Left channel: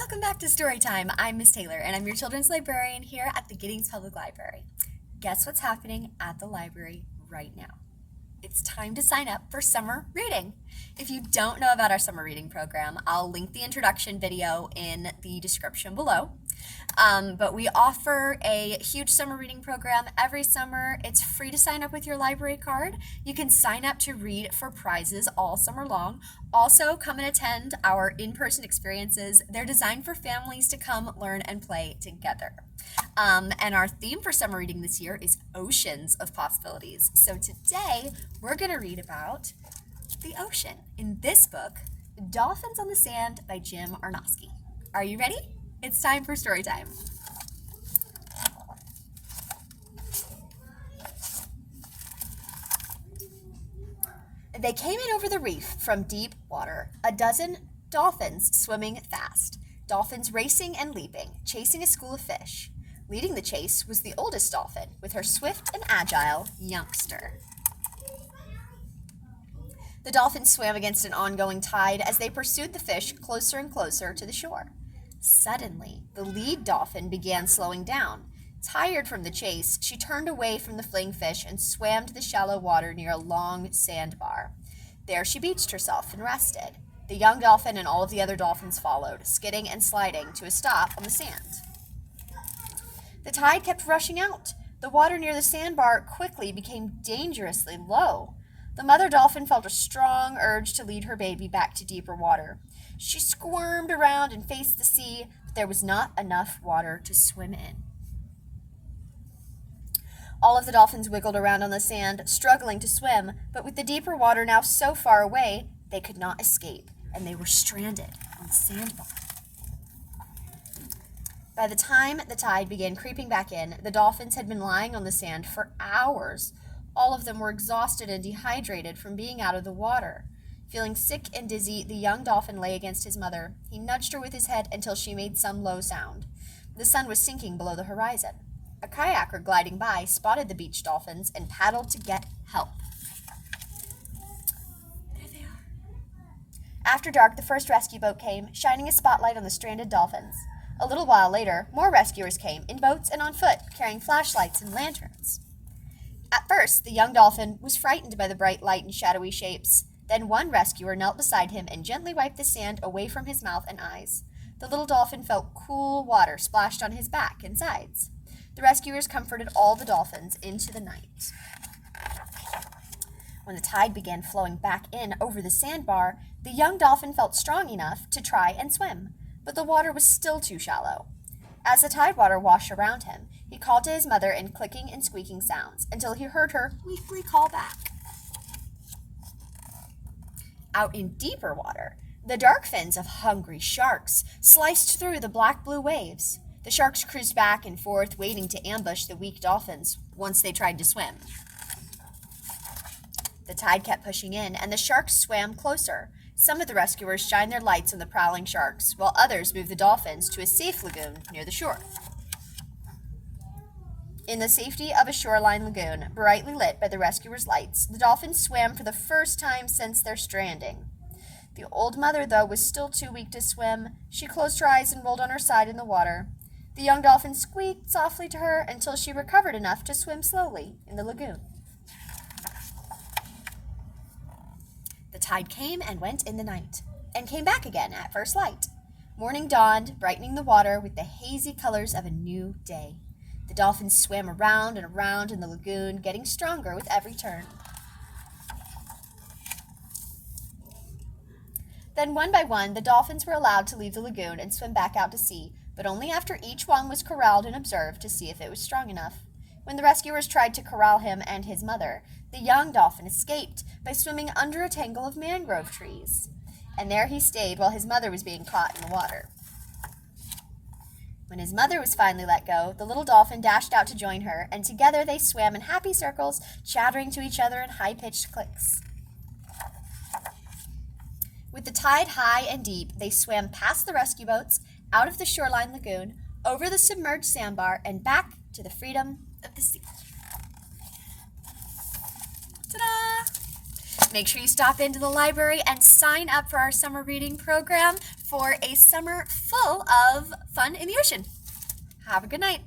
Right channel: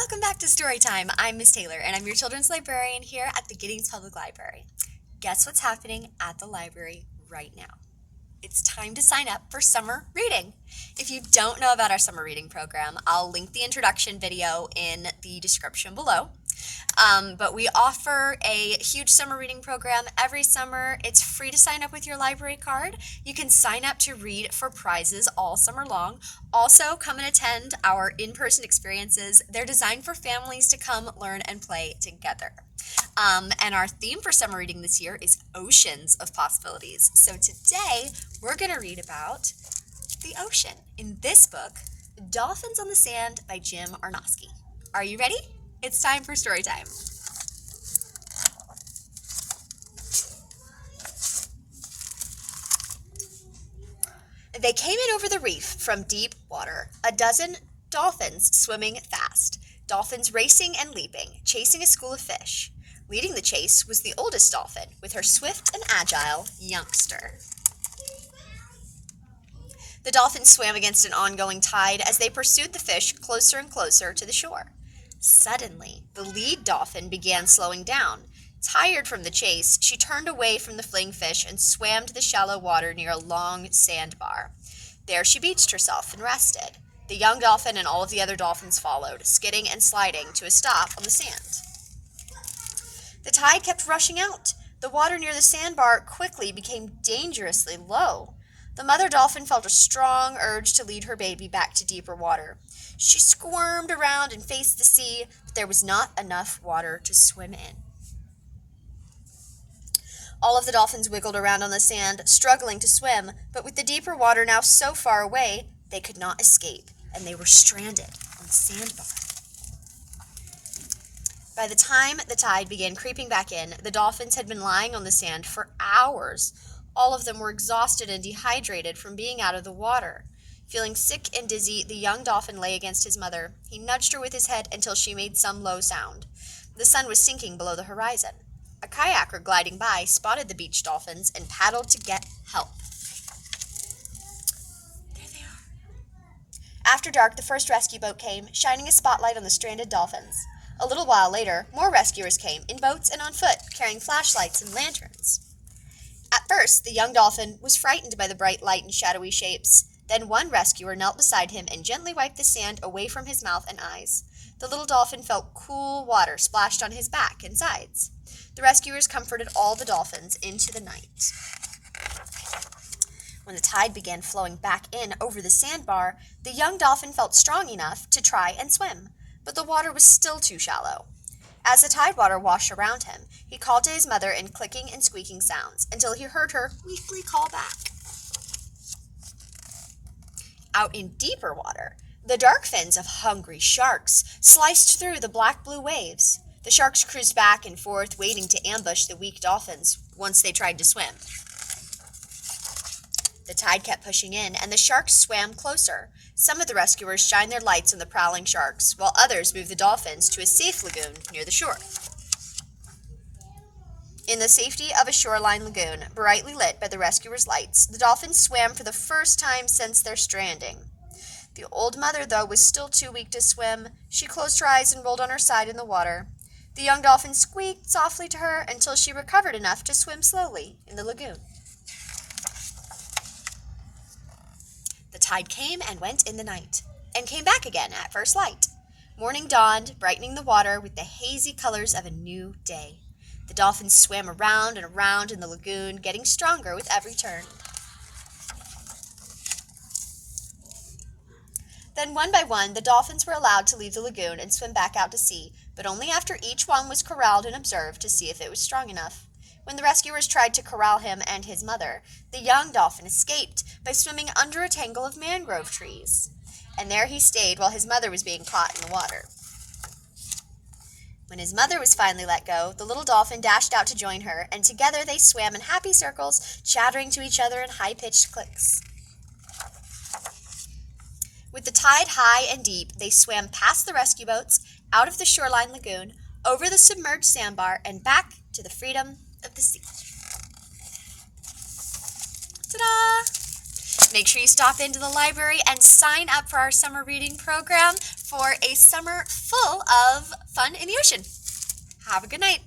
Welcome back to Storytime. I'm Miss Taylor, and I'm your children's librarian here at the Giddings Public Library. Guess what's happening at the library right now? It's time to sign up for summer reading. If you don't know about our summer reading program, I'll link the introduction video in the description below. But we offer a huge summer reading program every summer. It's free to sign up with your library card. You can sign up to read for prizes all summer long. Also, come and attend our in-person experiences. They're designed for families to come, learn, and play together. And our theme for summer reading this year is Oceans of Possibilities. So today, we're going to read about the ocean in this book, Dolphins on the Sand by Jim Arnosky. Are you ready? It's time for story time. They came in over the reef from deep water, a dozen dolphins swimming fast, dolphins racing and leaping, chasing a school of fish. Leading the chase was the oldest dolphin, with her swift and agile youngster. The dolphins swam against an ongoing tide as they pursued the fish closer and closer to the shore. Suddenly, the lead dolphin began slowing down. Tired from the chase, she turned away from the fleeing fish and swam to the shallow water near a long sandbar. There she beached herself and rested. The young dolphin and all of the other dolphins followed, skidding and sliding to a stop on the sand. The tide kept rushing out. The water near the sandbar quickly became dangerously low. The mother dolphin felt a strong urge to lead her baby back to deeper water. She squirmed around and faced the sea, but there was not enough water to swim in. All of the dolphins wiggled around on the sand, struggling to swim, but with the deeper water now so far away, they could not escape, and they were stranded on the sandbar. By the time the tide began creeping back in, the dolphins had been lying on the sand for hours. All of them were exhausted and dehydrated from being out of the water. Feeling sick and dizzy, the young dolphin lay against his mother. He nudged her with his head until she made some low sound. The sun was sinking below the horizon. A kayaker gliding by spotted the beached dolphins and paddled to get help. There they are. After dark, the first rescue boat came, shining a spotlight on the stranded dolphins. A little while later, more rescuers came, in boats and on foot, carrying flashlights and lanterns. At first, the young dolphin was frightened by the bright light and shadowy shapes. Then one rescuer knelt beside him and gently wiped the sand away from his mouth and eyes. The little dolphin felt cool water splashed on his back and sides. The rescuers comforted all the dolphins into the night. When the tide began flowing back in over the sandbar, the young dolphin felt strong enough to try and swim, but the water was still too shallow. As the tide water washed around him, he called to his mother in clicking and squeaking sounds until he heard her weakly call back. Out in deeper water, the dark fins of hungry sharks sliced through the black-blue waves. The sharks cruised back and forth, waiting to ambush the weak dolphins once they tried to swim. The tide kept pushing in, and the sharks swam closer. Some of the rescuers shined their lights on the prowling sharks, while others moved the dolphins to a safe lagoon near the shore. In the safety of a shoreline lagoon, brightly lit by the rescuers' lights, the dolphins swam for the first time since their stranding. The old mother, though, was still too weak to swim. She closed her eyes and rolled on her side in the water. The young dolphin squeaked softly to her until she recovered enough to swim slowly in the lagoon. The tide came and went in the night, and came back again at first light. Morning dawned, brightening the water with the hazy colors of a new day. The dolphins swam around and around in the lagoon, getting stronger with every turn. Then one by one, the dolphins were allowed to leave the lagoon and swim back out to sea, but only after each one was corralled and observed to see if it was strong enough. When the rescuers tried to corral him and his mother, the young dolphin escaped by swimming under a tangle of mangrove trees. And there he stayed while his mother was being caught in the water. When his mother was finally let go, the little dolphin dashed out to join her, and together they swam in happy circles, chattering to each other in high-pitched clicks. With the tide high and deep, they swam past the rescue boats, out of the shoreline lagoon, over the submerged sandbar, and back to the freedom of the sea. Ta-da! Make sure you stop into the library and sign up for our summer reading program for a summer full of fun in the ocean. Have a good night.